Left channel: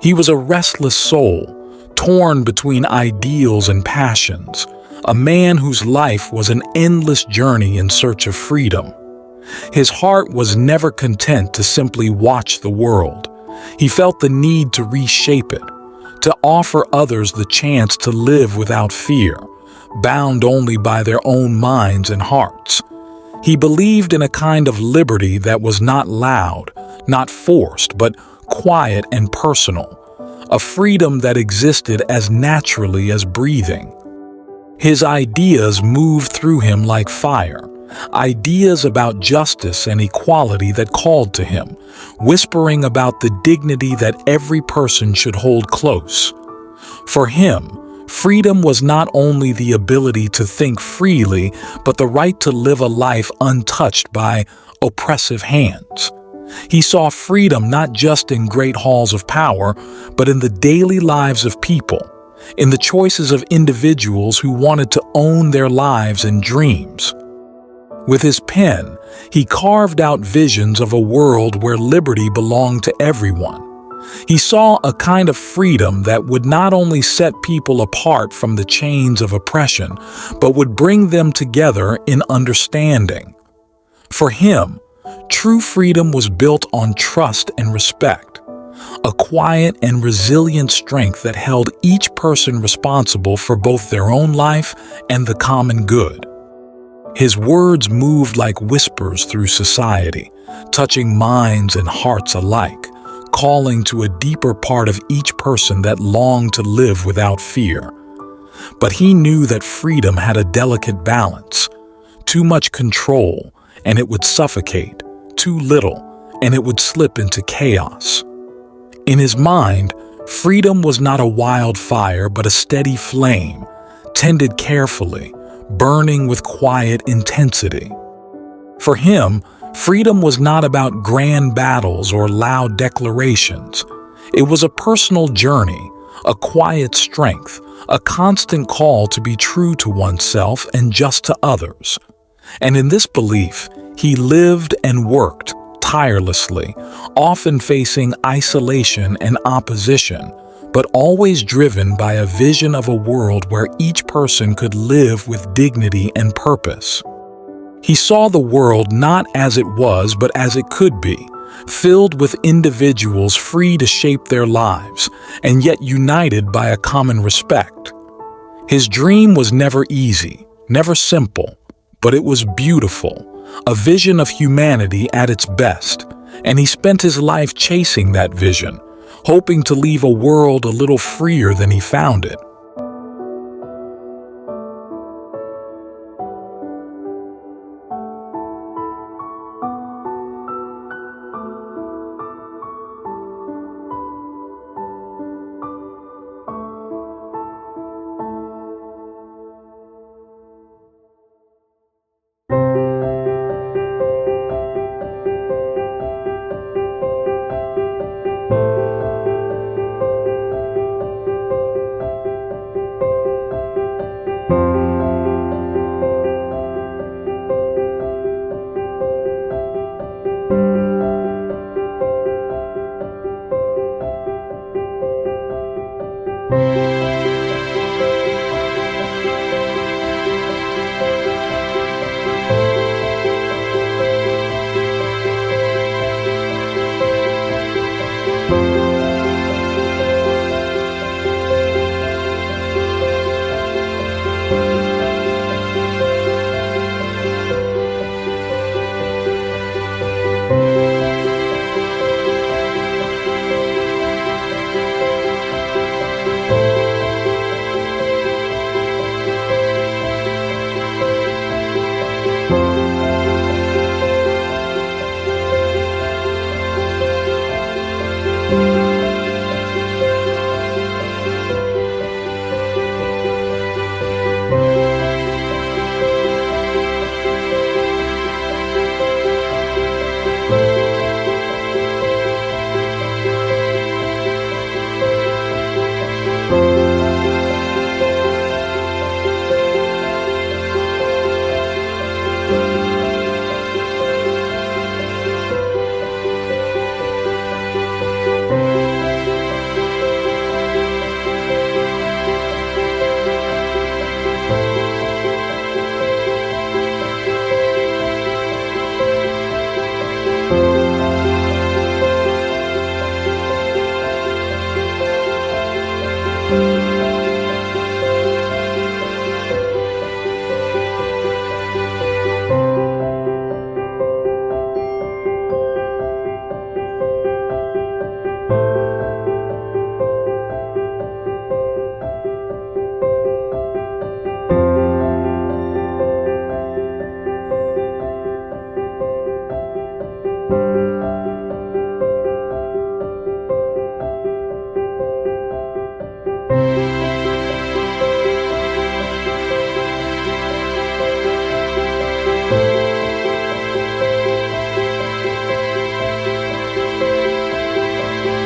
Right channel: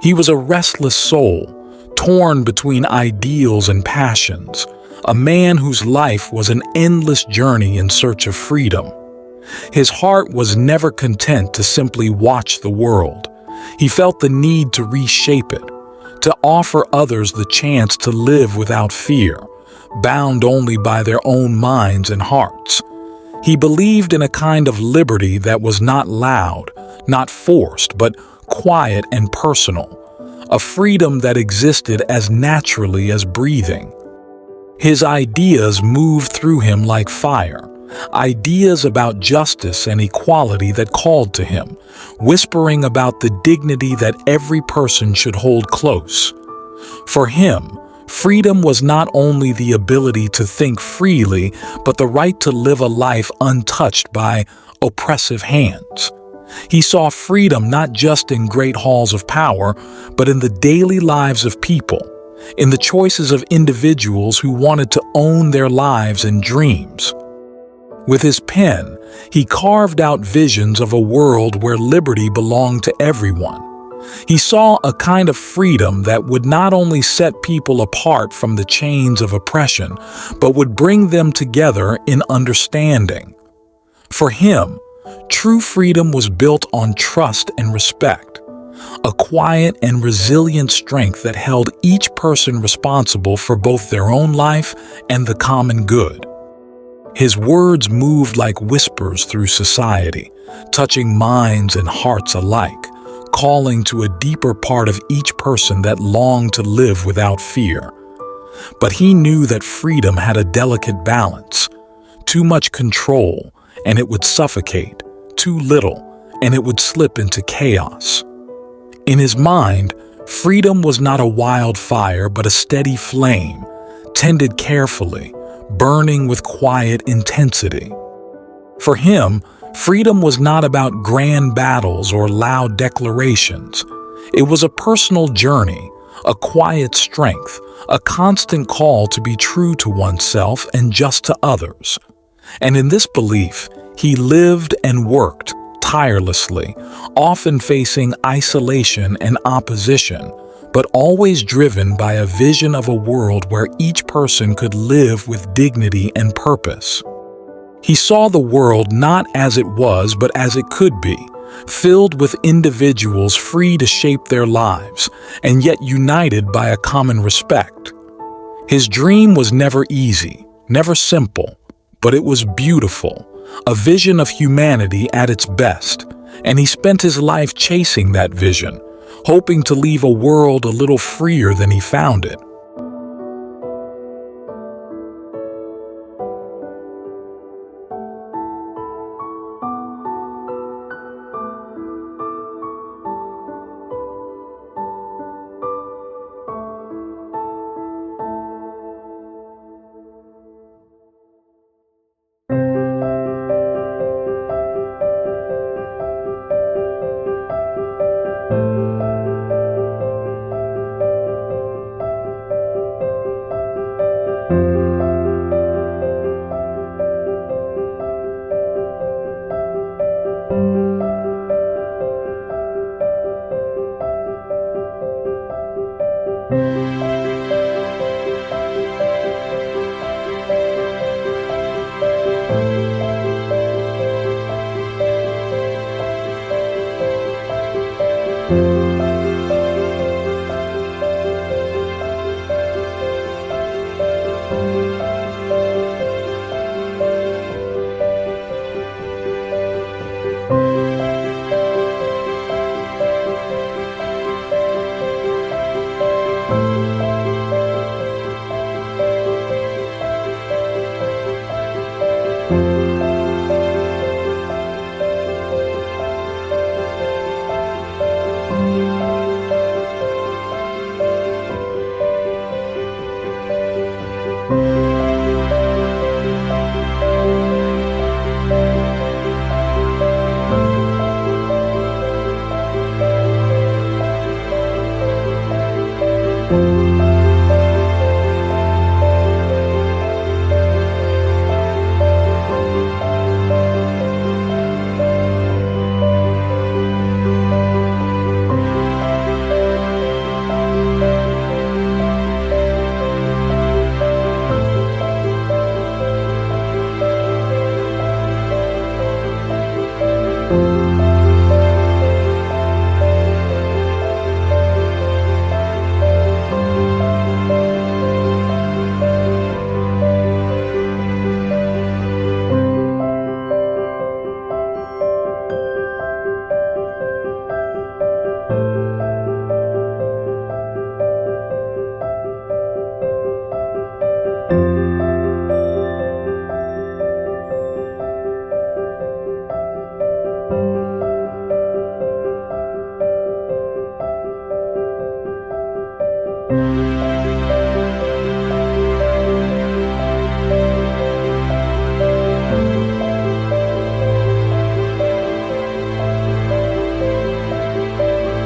He was a restless soul, torn between ideals and passions, a man whose life was an endless journey in search of freedom. His heart was never content to simply watch the world. He felt the need to reshape it, to offer others the chance to live without fear, bound only by their own minds and hearts. He believed in a kind of liberty that was not loud, not forced, but quiet and personal, a freedom that existed as naturally as breathing. His ideas moved through him like fire, ideas about justice and equality that called to him, whispering about the dignity that every person should hold close. For him, freedom was not only the ability to think freely, but the right to live a life untouched by oppressive hands. He saw freedom not just in great halls of power, but in the daily lives of people, in the choices of individuals who wanted to own their lives and dreams. With his pen, he carved out visions of a world where liberty belonged to everyone. He saw a kind of freedom that would not only set people apart from the chains of oppression, but would bring them together in understanding. For him, true freedom was built on trust and respect, a quiet and resilient strength that held each person responsible for both their own life and the common good. His words moved like whispers through society, touching minds and hearts alike, calling to a deeper part of each person that longed to live without fear. But he knew that freedom had a delicate balance. Too much control, and it would suffocate. Too little, and it would slip into chaos. In his mind, freedom was not a wildfire but a steady flame, tended carefully, burning with quiet intensity. For him, freedom was not about grand battles or loud declarations. It was a personal journey, a quiet strength, a constant call to be true to oneself and just to others. And in this belief, he lived and worked tirelessly, often facing isolation and opposition, but always driven by a vision of a world where each person could live with dignity and purpose. He saw the world not as it was, but as it could be, filled with individuals free to shape their lives, and yet united by a common respect. His dream was never easy, never simple, but it was beautiful, a vision of humanity at its best, and he spent his life chasing that vision, hoping to leave a world a little freer than he found it.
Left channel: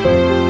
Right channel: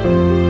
you.